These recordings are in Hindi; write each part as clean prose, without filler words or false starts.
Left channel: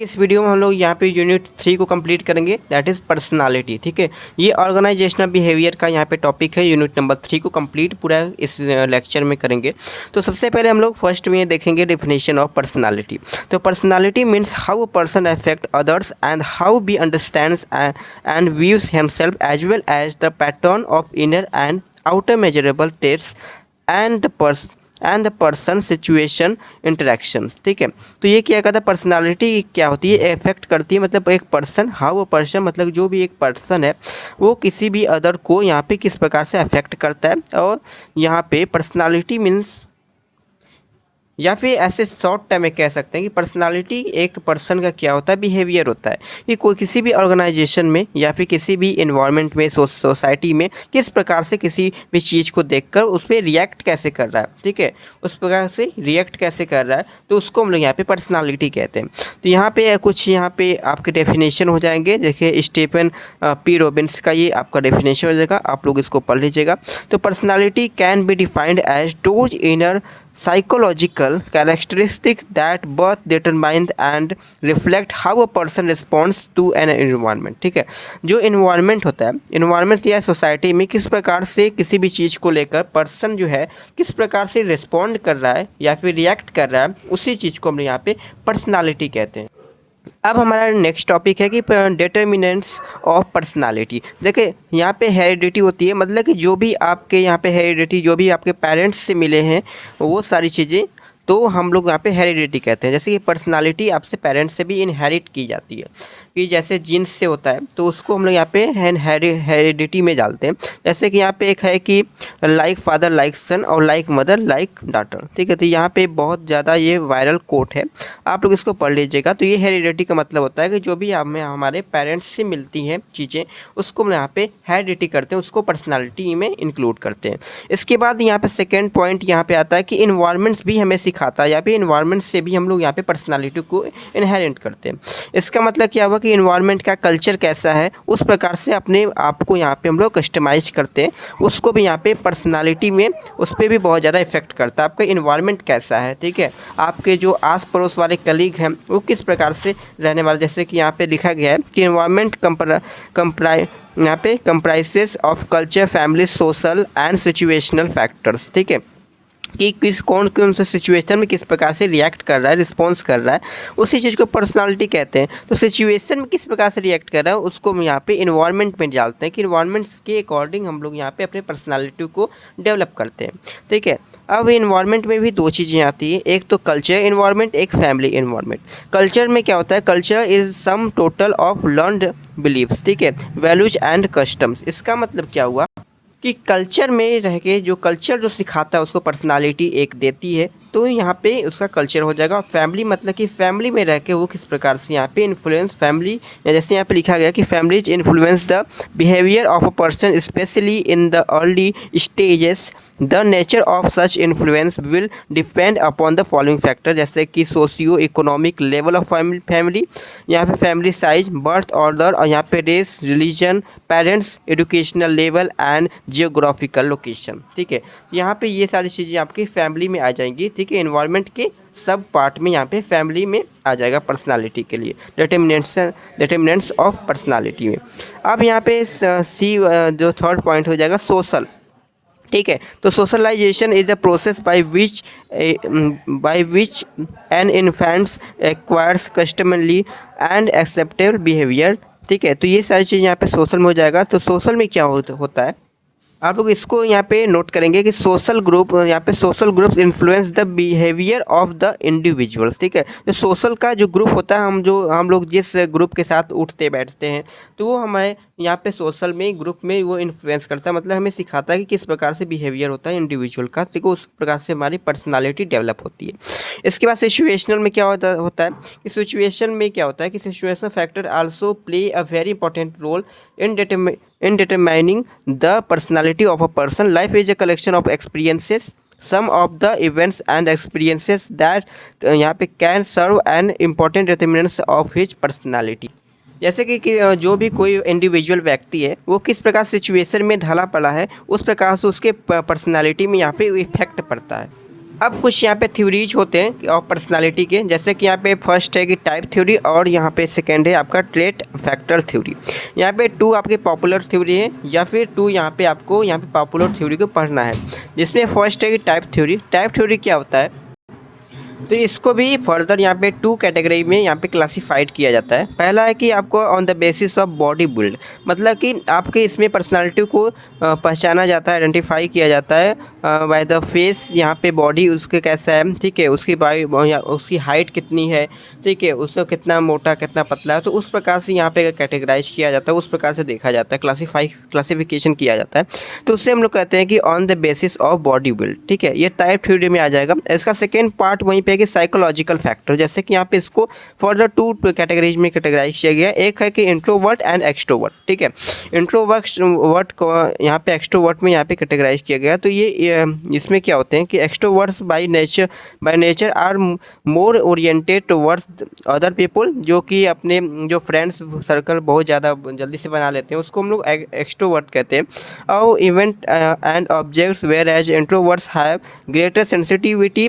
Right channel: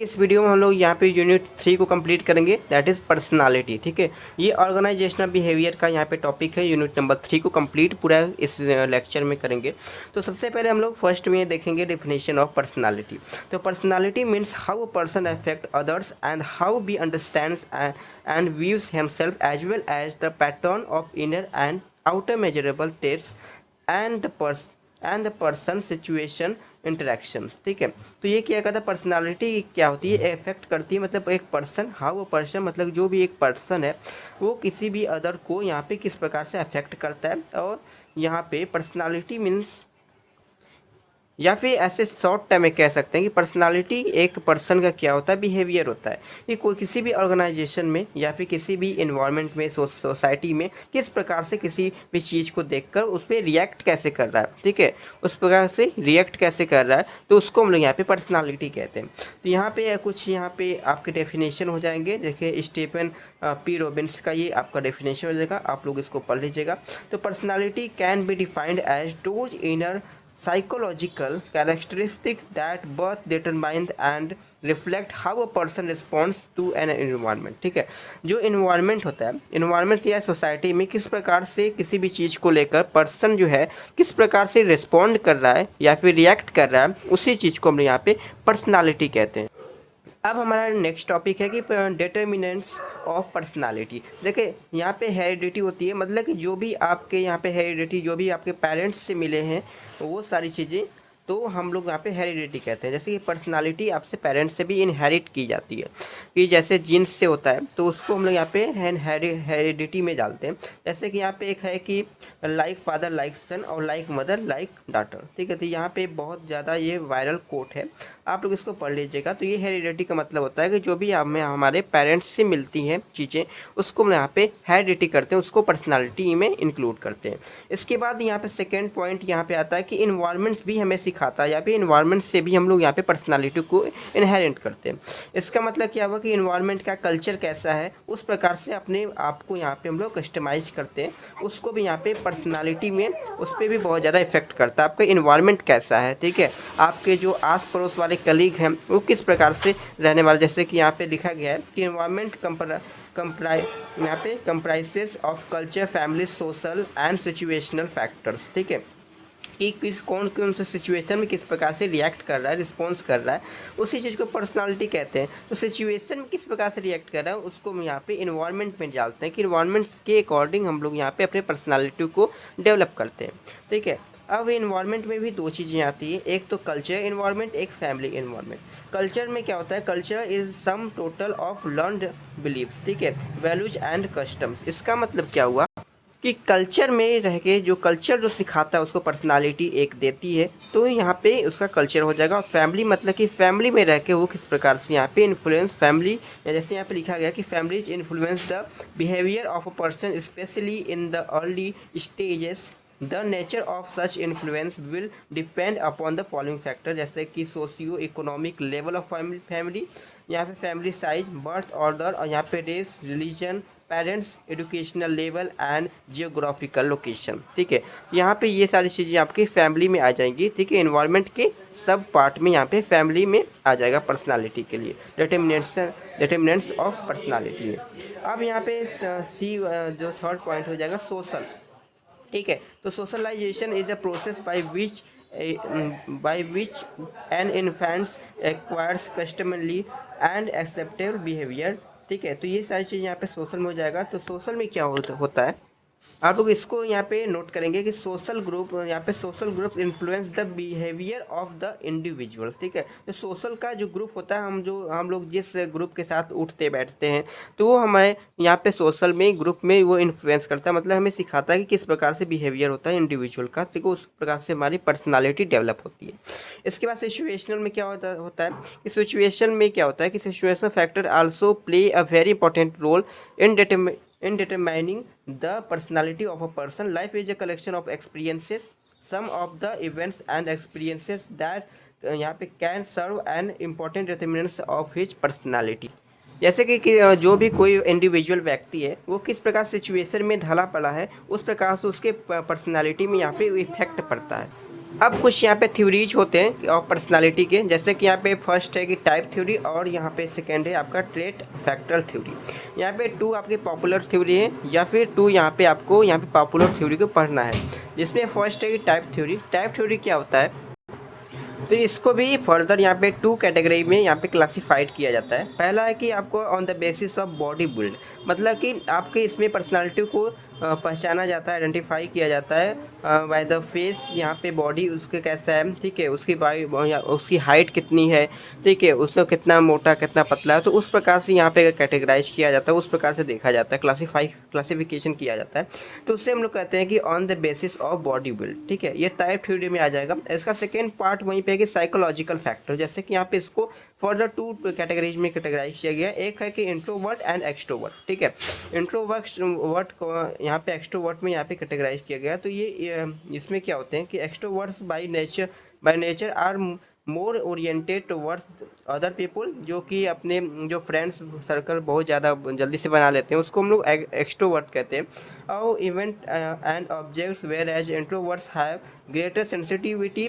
इस वीडियो में हम लोग यहाँ पे यूनिट 3 को कंप्लीट करेंगे, दैट इज़ पर्सनालिटी। ठीक है, ये ऑर्गेनाइजेशनल बिहेवियर का यहाँ पे टॉपिक है। यूनिट नंबर 3 को कंप्लीट पूरा इस लेक्चर में करेंगे। तो सबसे पहले हम लोग फर्स्ट में देखेंगे डेफिनेशन ऑफ पर्सनालिटी। तो personality means how a person affect others and how he understands and views himself as well as the pattern of inner and outer measurable test and the person situation interaction. ठीक है, तो ये क्या कहता है, पर्सनालिटी क्या होती है, इफेक्ट करती है। मतलब एक पर्सन, हाउ वो पर्सन मतलब जो भी एक पर्सन है वो किसी भी अदर को यहाँ पे किस प्रकार से अफेक्ट करता है। और यहाँ पे पर्सनालिटी मीन्स, या फिर ऐसे शॉर्ट टाइम में कह सकते हैं कि पर्सनालिटी एक पर्सन का क्या होता है, बिहेवियर होता है। ये कोई किसी भी ऑर्गेनाइजेशन में या फिर किसी भी इन्वायरमेंट में, सोसाइटी में किस प्रकार से किसी भी चीज़ को देखकर उस पर रिएक्ट कैसे कर रहा है। ठीक है, उस प्रकार से रिएक्ट कैसे कर रहा है, तो उसको हम लोग यहाँ पे पर्सनालिटी कहते हैं। तो यहाँ पे कुछ यहाँ पे आपके डेफिनेशन हो जाएंगे। देखिए स्टीफन पी रॉबिन्स का ये आपका डेफिनेशन हो जाएगा, आप लोग इसको पढ़ लीजिएगा। तो personality can be defined as those inner psychological characteristic that both determine and reflect how a person responds to an environment। ठीक है, जो इन्वायरमेंट होता है, इन्वायरमेंट या सोसाइटी में किस प्रकार से किसी भी चीज़ को लेकर पर्सन जो है किस प्रकार से रिस्पॉन्ड कर रहा है या फिर रिएक्ट कर रहा है, उसी चीज़ को हम यहाँ पे पर्सनालिटी कहते हैं। अब हमारा नेक्स्ट टॉपिक है कि डिटर्मिनेंट्स ऑफ पर्सनालिटी। देखिए यहाँ पे हेरिडिटी होती है, मतलब कि जो भी आपके यहाँ पे हेरिडिटी, जो भी आपके पेरेंट्स से मिले हैं वो सारी चीज़ें, तो हम लोग यहाँ पे हेरिडिटी कहते हैं। जैसे कि पर्सनालिटी आपसे पेरेंट्स से भी इनहेरिट की जाती है, कि जैसे जीन्स से होता है तो उसको हम लोग यहाँ पे हेरिडिटी में डालते हैं। जैसे कि यहाँ पे एक है कि लाइक फादर लाइक सन और लाइक मदर लाइक डॉटर। ठीक है, तो यहाँ पे बहुत ज़्यादा ये वायरल कोट है, आप लोग इसको पढ़ लीजिएगा। तो ये हेरिडिटी का मतलब होता है कि जो भी हमें हमारे पेरेंट्स से मिलती हैं चीज़ें, उसको हम यहाँ पे हेरिडिटी करते हैं, उसको पर्सनालिटी में इंक्लूड करते हैं। इसके बाद यहाँ पे सेकेंड पॉइंट यहाँ पे आता है कि इन्वायरमेंट्स भी हमें सिखाता है, या फिर इन्वायरमेंट से भी हम लोग यहाँ पे पर्सनालिटी को इनहेरिट करते हैं। इसका मतलब क्या हुआ कि इन्वायरमेंट का कल्चर कैसा है, उस प्रकार से अपने आप को यहाँ पे हम लोग कस्टमाइज करते हैं, उसको भी यहाँ पे पर्सनालिटी में उस पर भी बहुत ज़्यादा इफेक्ट करता है। आपका इन्वायरमेंट कैसा है, ठीक है, आपके जो आस पड़ोस वाले कलीग हैं वो किस प्रकार से रहने वाले। जैसे कि यहाँ पे लिखा गया है कि इन्वायरमेंट यहाँ पे comprises of culture, family, social and situational factors. ठीक है, कि किस कौन से सिचुएशन में किस प्रकार से रिएक्ट कर रहा है, रिस्पॉन्स कर रहा है, उसी चीज़ को पर्सनालिटी कहते हैं। तो सिचुएशन में किस प्रकार से रिएक्ट कर रहा है उसको हम यहाँ पे इन्वायरमेंट में डालते हैं, कि इन्वायरमेंट्स के अकॉर्डिंग हम लोग यहाँ पे अपने पर्सनालिटी को डेवलप करते हैं। ठीक है, अब इन्वायरमेंट में भी दो चीज़ें आती हैं, एक तो कल्चर इन्वायरमेंट, एक फैमिली इन्वायरमेंट। कल्चर में क्या होता है, culture is sum total of learned beliefs, ठीक है, वैल्यूज एंड कस्टम्स। इसका मतलब क्या हुआ कि कल्चर में रह के जो कल्चर जो सिखाता है उसको पर्सनालिटी एक देती है, तो यहाँ पे उसका कल्चर हो जाएगा। फैमिली मतलब कि फैमिली में रह के वो किस प्रकार से यहाँ पे इन्फ्लुएंस, फैमिली या जैसे यहाँ पे लिखा गया कि families influence the behaviour of a person specially in the early stages. The nature of such influence will depend upon the following factor, जैसे कि socio economic level of family, यहाँ पे फैमिली साइज, बर्थ ऑर्डर, और यहाँ पे race, religion, parents, educational level and geographical location. ठीक है, यहाँ पे ये सारी चीज़ें आपकी फैमिली में आ जाएंगी। ठीक है, एनवायरनमेंट के सब पार्ट में यहाँ पे फैमिली में आ जाएगा पर्सनालिटी के लिए, डिटर्मिनेंट्स ऑफ पर्सनालिटी में। अब यहाँ पे सी जो थर्ड पॉइंट हो जाएगा सोशल। ठीक है, तो socialisation is the process by which an infants acquires customarily and acceptable behaviour. ठीक है, तो ये सारी चीज़ यहाँ पे सोशल में हो जाएगा। तो सोशल में क्या होता है, आप लोग इसको यहाँ पे नोट करेंगे कि सोशल ग्रुप, यहाँ पे social groups influence the behaviour of the individuals. ठीक है, तो सोशल का जो ग्रुप होता है, हम लोग जिस ग्रुप के साथ उठते बैठते हैं, तो वो हमारे यहाँ पे सोशल में, ग्रुप में वो इन्फ्लुएंस करता है। मतलब हमें सिखाता है कि किस प्रकार से बिहेवियर होता है इंडिविजुअल का, ठीक है, उस प्रकार से हमारी पर्सनालिटी डेवलप होती है। इसके बाद सिचुएशनल में क्या होता है कि सिचुएशन में क्या होता है कि situation factor also play a very important role in determining the personality of a person. Life is a collection of experiences. Some of the events and experiences that यहाँ पे can serve an important determinants of his personality। जैसे कि जो भी कोई इंडिविजुअल व्यक्ति है वो किस प्रकार सिचुएशन में ढला पड़ा है, उस प्रकार से उसके पर्सनालिटी में यहाँ पे इफेक्ट पड़ता है। अब कुछ यहाँ पे थ्योरीज होते हैं और पर्सनालिटी के, जैसे कि यहाँ पे फर्स्ट है कि टाइप थ्योरी और यहाँ पे सेकंड है आपका ट्रेट फैक्टर थ्योरी। यहाँ पे टू आपके पॉपुलर थ्योरी है या फिर टू यहाँ पे आपको यहाँ पे पॉपुलर थ्योरी को पढ़ना है, जिसमें फर्स्ट है कि टाइप थ्योरी। टाइप थ्योरी क्या होता है, तो इसको भी फर्दर यहाँ पे टू कैटेगरी में यहाँ पे क्लासिफाइड किया जाता है। पहला है कि आपको on the basis of body build, मतलब कि आपके इसमें पर्सनालिटी को पहचाना जाता है, आइडेंटिफाई किया जाता है बाय द फेस। यहाँ पे बॉडी उसके कैसा है, ठीक है, उसकी उसकी हाइट कितनी है, ठीक है, उसको कितना मोटा कितना पतला है, तो उस प्रकार से यहाँ पे कैटेगराइज किया जाता है, उस प्रकार से देखा जाता है, क्लासिफिकेशन किया जाता है। तो उससे हम लोग कहते हैं कि on the basis of body build, ठीक है, ये टाइप थ्योरी में आ जाएगा। इसका सेकेंड पार्ट वहीं पे है कि साइकोलॉजिकल फैक्टर, जैसे कि यहाँ पे इसको फर्दर टू कैटेगरीज में कैटेगराइज किया गया है। एक है कि इंट्रोवर्ट एंड एक्सट्रोवर्ट, ठीक है, इंट्रोवर्ट को यहाँ पे एक्सट्रोवर्ट में यहाँ पे कैटेगराइज किया गया। तो ये इसमें क्या होते हैं कि extroverts by nature are more oriented towards other people, जो कि अपने जो फ्रेंड्स सर्कल बहुत ज़्यादा जल्दी से बना लेते हैं, उसको हम लोग एक्सट्रोवर्ट कहते हैं। और event and objects whereas introverts have greater sensitivity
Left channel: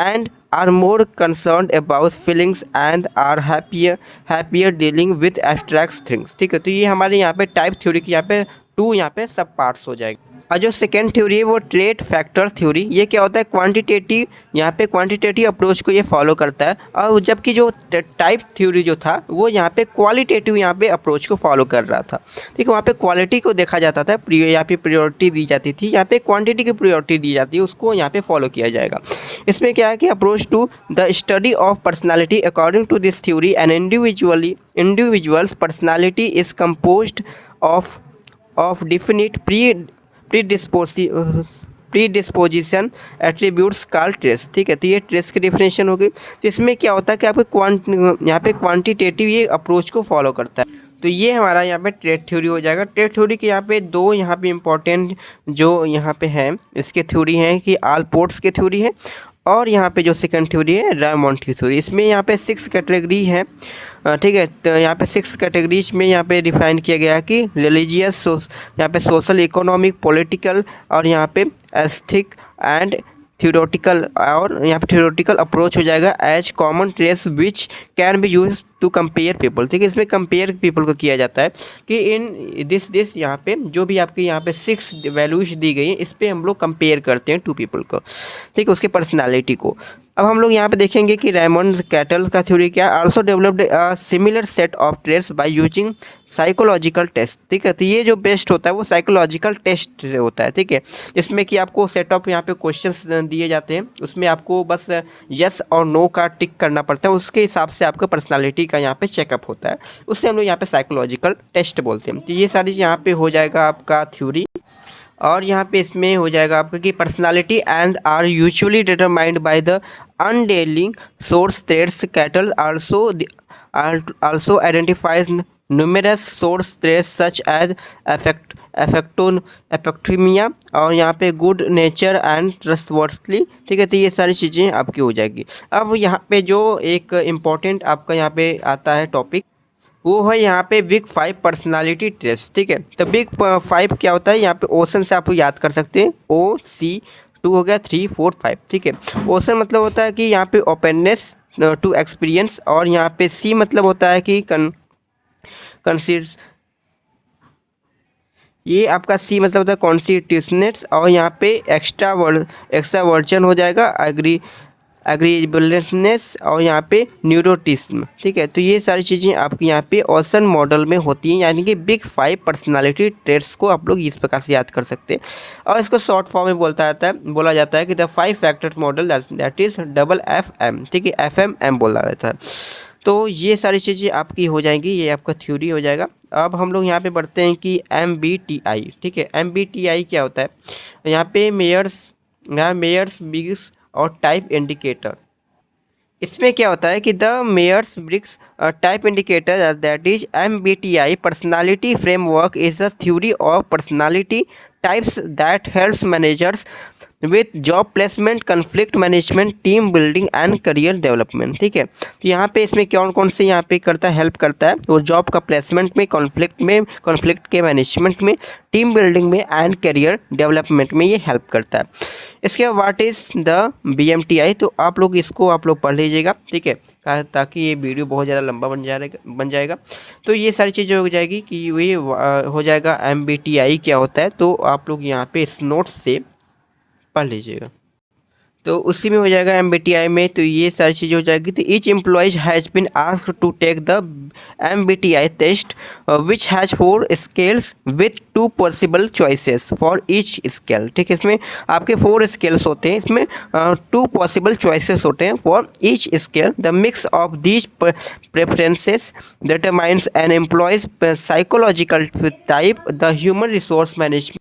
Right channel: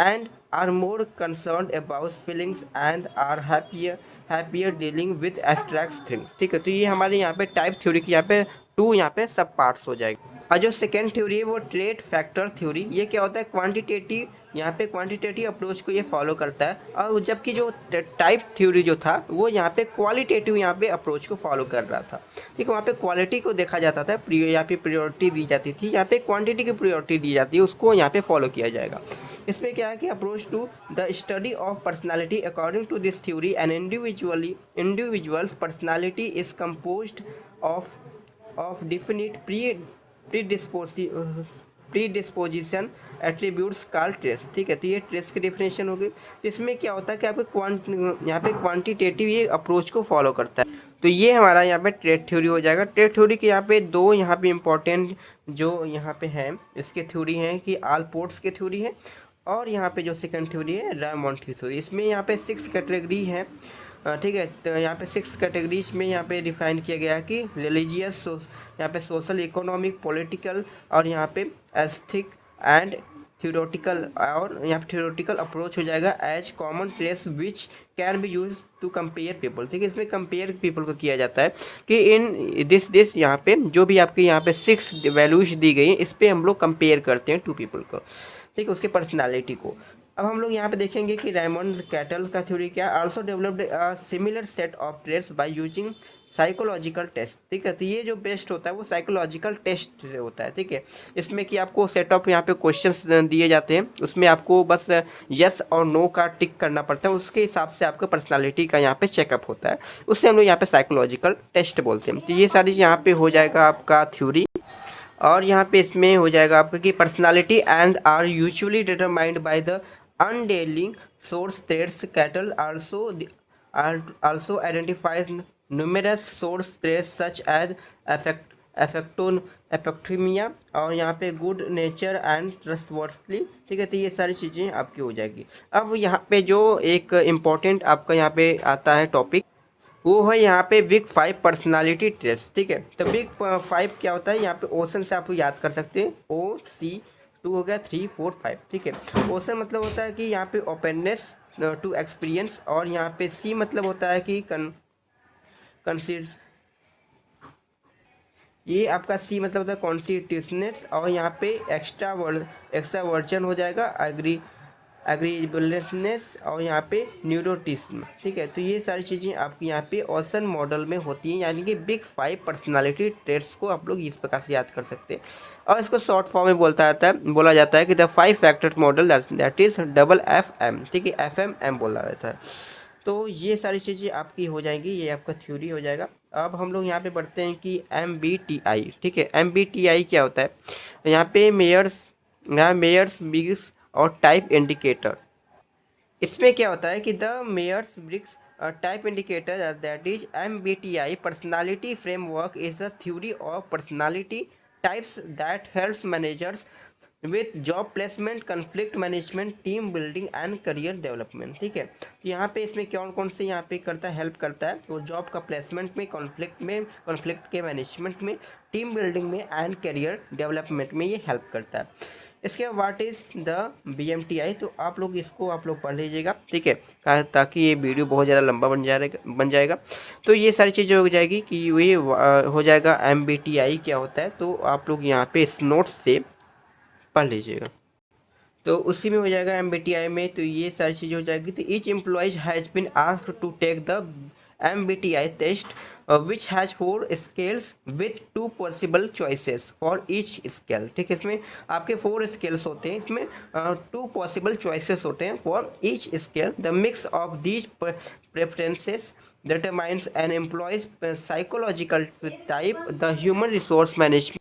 and are more concerned about feelings and are happier dealing with abstract things, ठीक है। तो ये हमारे यहाँ पे टाइप थ्योरी की यहाँ पे टू यहाँ पे सब पार्ट्स हो जाएगा। और जो सेकेंड थ्योरी है वो ट्रेट फैक्टर थ्योरी, ये क्या होता है, क्वांटिटेटिव, यहाँ पे क्वांटिटेटिव अप्रोच को ये फॉलो करता है। और जबकि जो टाइप थ्योरी जो था वो यहाँ पे क्वालिटेटिव यहाँ पे अप्रोच को फॉलो कर रहा था, ठीक है। वहाँ पे क्वालिटी को देखा जाता था, यहाँ पे प्रायोरिटी दी जाती थी, यहाँ पे क्वांटिटी की प्रायोरिटी दी जाती है, उसको यहाँ पे फॉलो किया जाएगा। इसमें क्या है कि approach to the study of personality according to this theory an individual's personality is composed of definite predisposition attributes called traits, ठीक है। तो ये ट्रेट्स की डिफिनेशन हो गई। तो इसमें क्या होता है कि आपके यहाँ पे क्वांटिटेटिव ये अप्रोच को फॉलो करता है। तो ये हमारा यहाँ पे ट्रेट थ्योरी हो जाएगा। ट्रेट थ्योरी के यहाँ पे दो यहाँ पे इंपॉर्टेंट जो यहाँ पे है इसके थ्योरी हैं कि आलपोर्ट्स के थ्योरी है, और यहाँ पे जो सेकंड थ्योरी है रायमंड की थ्योरी। इसमें यहाँ पे 6 कैटेगरी है, ठीक है। तो यहाँ पे 6 कैटेगरीज में यहाँ पे डिफाइन किया गया है कि रिलीजियस, यहाँ पे सोशल, इकोनॉमिक, पॉलिटिकल, और यहाँ पे एस्थेटिक एंड थ्योरेटिकल, और यहाँ पे थ्योरेटिकल अप्रोच हो जाएगा as common traits which can be use to compare people, ठीक है। इसमें कंपेयर पीपल को किया जाता है कि इन दिस यहाँ पे जो भी आपके यहाँ पे 6 वैल्यूज दी गई हैं, इस पर हम लोग कंपेयर करते हैं 2 पीपल को, ठीक है, उसके पर्सनैलिटी को। अब हम लोग यहाँ पे देखेंगे कि रेमंड कैटल का थ्योरी क्या है, also developed a similar set of traits by using psychological test, ठीक है। तो ये जो बेस्ट होता है वो साइकोलॉजिकल टेस्ट होता है, ठीक है। इसमें कि आपको सेट ऑफ यहाँ पे क्वेश्चंस दिए जाते हैं, उसमें आपको बस यस और नो का टिक करना पड़ता है, उसके हिसाब से आपका पर्सनालिटी का यहाँ पे चेकअप होता है, उससे हम लोग यहाँ पे साइकोलॉजिकल टेस्ट बोलते हैं। तो ये सारी यहाँ पे हो जाएगा आपका थ्योरी। और यहाँ पे इसमें हो जाएगा आपका कि personality and are usually determined by the underlying source threads. Cattell also identifies numerous source threats such as affectothymia और यहाँ पे गुड नेचर एंड ट्रस्टवर्थली, ठीक है। तो ये सारी चीज़ें आपकी हो जाएगी। अब यहाँ पे जो एक इम्पॉर्टेंट आपका यहाँ पे आता है टॉपिक, वो है यहाँ पे बिग 5 पर्सनालिटी ट्रेट्स, ठीक है। तो बिग 5 क्या होता है, यहाँ पे ओशन से आप याद कर सकते हैं, OC2 हो गया, 3 4 5, ठीक है। ओशन मतलब होता है कि यहाँ पे ओपननेस टू एक्सपीरियंस, और यहाँ पे C मतलब होता है कि ये आपका C मतलब होता है कॉन्स्टिट्यूशनेस, और यहाँ पे एक्स्ट्रा वर्जन हो जाएगा एग्रीबलनेस, और यहाँ पे न्यूरोटिज्म, ठीक है। तो ये सारी चीज़ें आपकी यहाँ पे ओशन मॉडल में होती हैं, यानी कि बिग 5 पर्सनालिटी ट्रेट्स को आप लोग इस प्रकार से याद कर सकते हैं। और इसको शॉर्ट फॉर्म में बोला जाता है कि the 5 factor model that is FFM, ठीक है, FMM बोला जाता है। तो ये सारी चीज़ें आपकी हो जाएंगी, ये आपका थ्योरी हो जाएगा। अब हम लोग यहाँ पे बढ़ते हैं कि MBTI, ठीक है। MBTI क्या होता है, यहाँ पे मेयर्स बिग्स और टाइप इंडिकेटर। इसमें क्या होता है कि the Myers Briggs type indicator that is MBTI personality framework is the theory of personality types that helps managers with job placement, conflict management, team building and career development. ठीक है, तो यहाँ पे इसमें कौन कौन से यहाँ पे करता है, हेल्प करता है, वो जॉब का प्लेसमेंट में, कॉन्फ्लिक्ट के मैनेजमेंट में, टीम बिल्डिंग में एंड करियर डेवलपमेंट में ये हेल्प करता है। इसके बाद व्हाट इज़ द BMTI, तो आप लोग इसको आप लोग पढ़ लीजिएगा। ठीक है, ताकि ये वीडियो बहुत ज़्यादा लंबा बन जाएगा। तो ये सारी चीज़ें हो जाएगी कि ये हो जाएगा MBTI क्या होता है, तो आप लोग यहाँ पे इस नोट्स से पढ़ लीजिएगा। तो उसी में हो जाएगा MBTI में, तो ये सारी चीज़ें हो जाएगी। तो each employees has been asked to take the MBTI test which has 4 scales with 2 possible choices for each scale. ठीक है, इसमें आपके 4 स्केल्स होते हैं, इसमें 2 पॉसिबल चॉइसेस होते हैं for each scale. The mix of these preferences determines an employee's psychological type. The human resource management,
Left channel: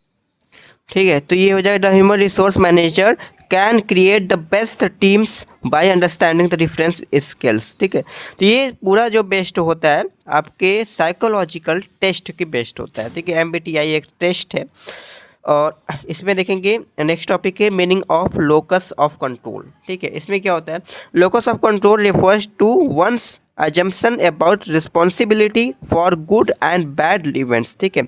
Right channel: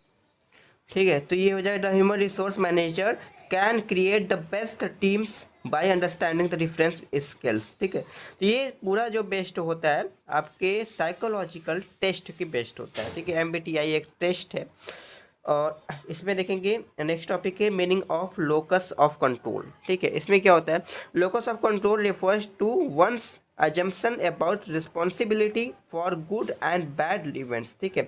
ठीक है, तो ये हो जाएगा the human resource manager can create the best teams by understanding the difference skills. ठीक है, तो ये पूरा जो बेस्ट होता है आपके साइकोलॉजिकल टेस्ट की बेस्ट होता है। ठीक है, MBTI एक टेस्ट है। और इसमें देखेंगे नेक्स्ट टॉपिक है meaning of locus of control. ठीक है, इसमें क्या होता है, locus of control refers to one's assumption about responsibility for good and bad events। ठीक है,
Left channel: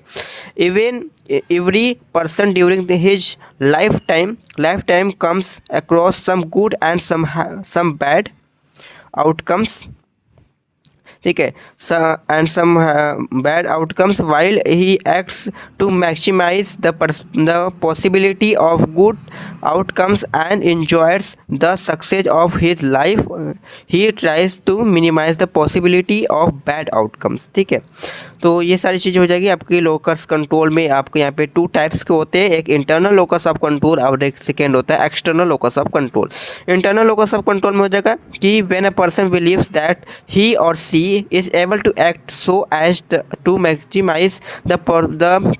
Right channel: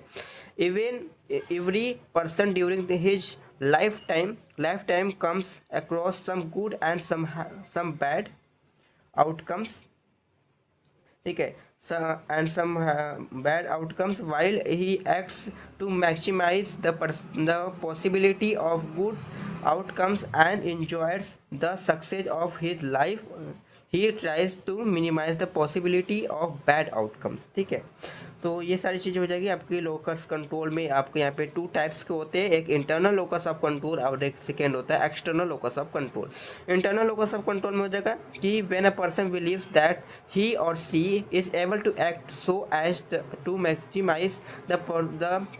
even every person during his lifetime comes across some good and some bad outcomes। ठीक है, and some bad outcomes while he acts to maximize the possibility of good outcomes and enjoys the success of his life, he tries to minimize the possibility of bad outcomes। ठीक है, तो ये सारी चीज़ें हो जाएगी आपकी लोकस कंट्रोल में। आपके यहाँ पे 2 टाइप्स के होते हैं, एक इंटरनल लोकस ऑफ कंट्रोल और एक सेकेंड होता है external locus of control. Internal locus of control में हो जाएगा कि when a person believes that he or she is able to act so as to maximise the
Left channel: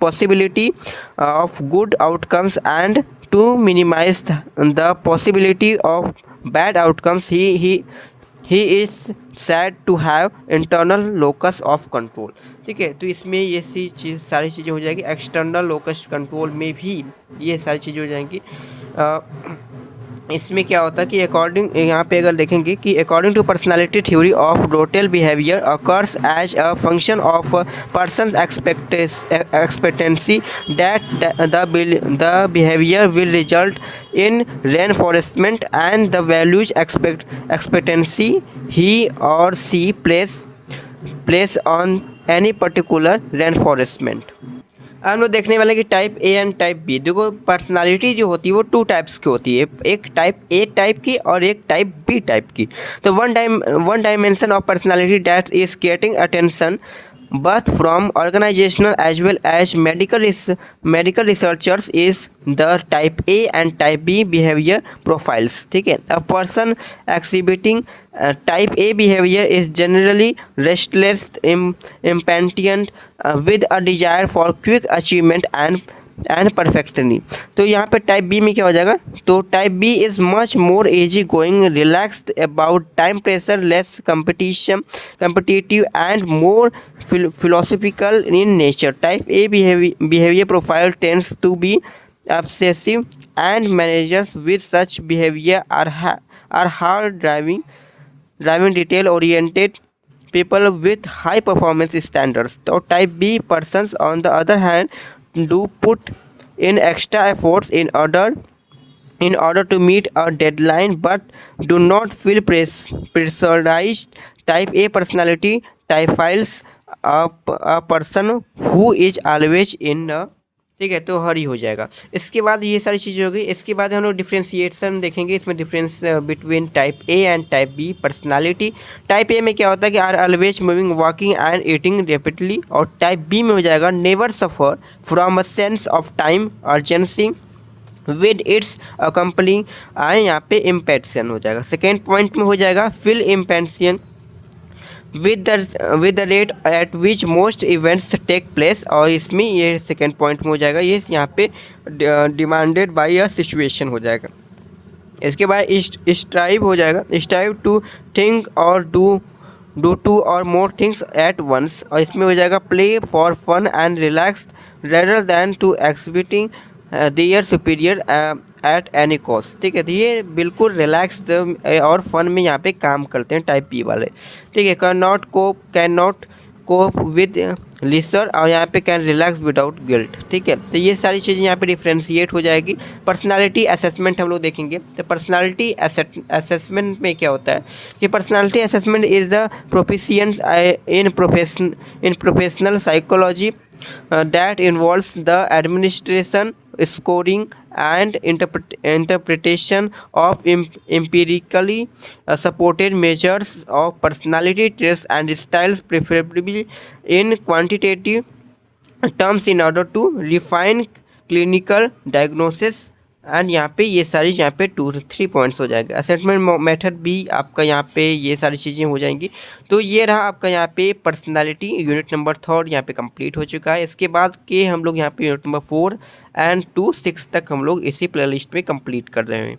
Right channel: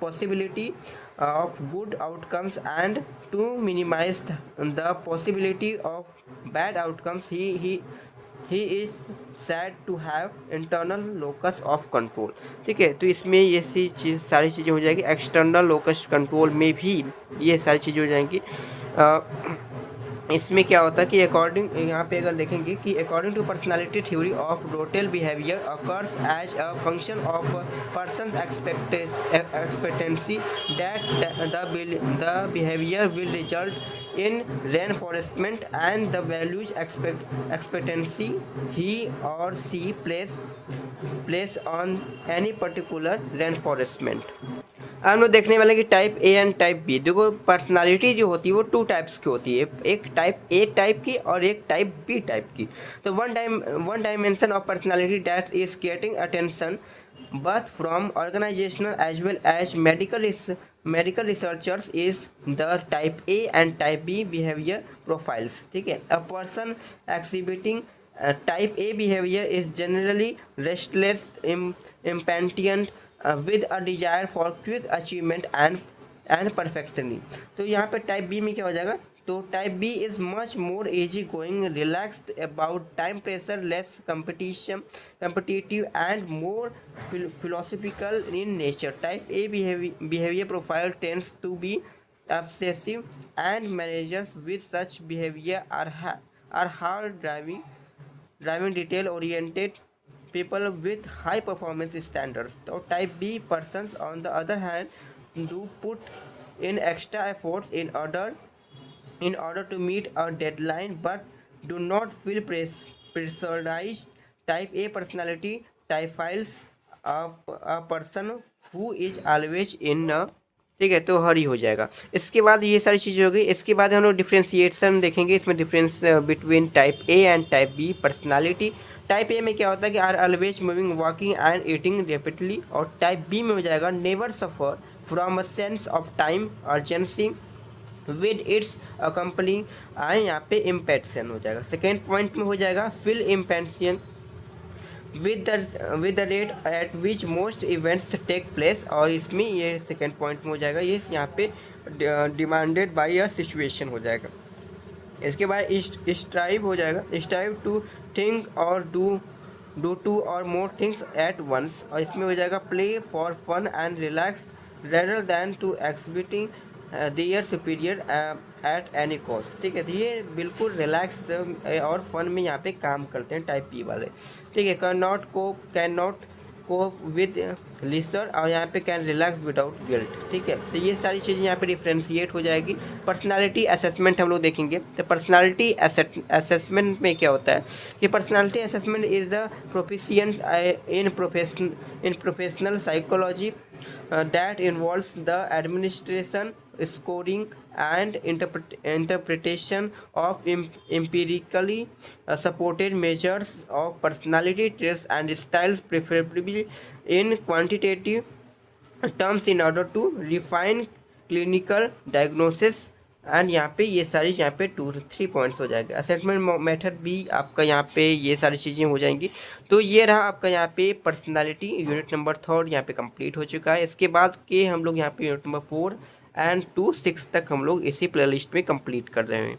possibility of good outcomes and to minimise the possibility of bad outcomes, he is said to have internal locus of control. ठीक है, तो इसमें ये सारी चीज़ें हो जाएगी। एक्सटर्नल लोकस कंट्रोल में भी ये सारी चीज़ें हो जाएंगी। इसमें क्या होता है कि अकॉर्डिंग, यहाँ पे अगर देखेंगे कि according to personality theory of total behaviour occurs as a function of person's expectancy that the behaviour will result in reinforcement and the values expectancy he or she places on any particular reinforcement. हम लोग देखने वाले कि type A and type B। देखो पर्सनालिटी जो होती है वो 2 टाइप्स की होती है, एक टाइप A टाइप की और एक टाइप B टाइप की। तो one dimension of personality that is getting attention but from organizational as well as medical researchers is the type A and type B behavior profiles। ठीक है, a person exhibiting type A behavior is generally restless, impatient, with a desire for quick achievement and perfectionism। तो यहाँ पे टाइप बी में क्या हो जाएगा, तो type B is much more easy going, relaxed about time pressure, less competitive and more philosophical in nature। Type A behavior profile tends to be obsessive and managers with such behavior are hard driving detail oriented people with high performance standards। तो type B persons on the other hand do put in extra efforts in order to meet a deadline but do not feel pressurized। Type A personality typifies a person who is always in a, ठीक है, तो हरी हो जाएगा। इसके बाद ये सारी चीज़ें हो गई। इसके बाद हम लोग डिफ्रेंशिएशन देखेंगे, इसमें difference between type A and type B personality. Type A में क्या होता है कि are always moving, walking and eating rapidly. और टाइप बी में हो जाएगा never suffer from a sense of time urgency with its accompanying, यहाँ पे इम्पेंशन हो जाएगा। सेकेंड पॉइंट में हो जाएगा fill इम्पेंशन with the rate at which most events take place। और इसमें ये सेकेंड पॉइंट में हो जाएगा, ये यहाँ पे डिमांडेड बाय अ सिचुएशन हो जाएगा। इसके बाद स्ट्राइव हो जाएगा, स्ट्राइव टू थिंक और डू 2 और मोर थिंग्स एट वंस। और इसमें हो जाएगा play for fun and relax rather than to their superior at any cost, ठीक है। तो ये बिल्कुल रिलैक्स और फन में यहाँ पे काम करते हैं टाइप बी वाले, ठीक है। कैन नॉट कोप विद लिसर, और यहाँ पे कैन रिलैक्स विदाउट गिल्ट, ठीक है। तो ये सारी चीज़ें यहाँ पे डिफ्रेंशिएट हो जाएगी। पर्सनालिटी असेसमेंट हम लोग देखेंगे। तो पर्सनालिटी असेसमेंट में क्या होता है कि personality assessment is the proficiency in professional psychology that involves the administration, scoring, and interpretation of empirically supported measures of personality traits and styles, preferably in quantitative terms, in order to refine clinical diagnosis। And यहाँ पे ये सारी यहाँ पे 2-3 पॉइंट्स हो जाएगा। असेसमेंट मेथड भी आपका यहाँ पे ये सारी चीज़ें हो जाएंगी। तो ये रहा आपका यहाँ पे पर्सनालिटी यूनिट नंबर 3 यहाँ पे कंप्लीट हो चुका है। इसके बाद के हम लोग यहाँ पे यूनिट नंबर 4 एंड 2, 6 तक हम लोग इसी प्लेलिस्ट में कंप्लीट कर रहे हैं।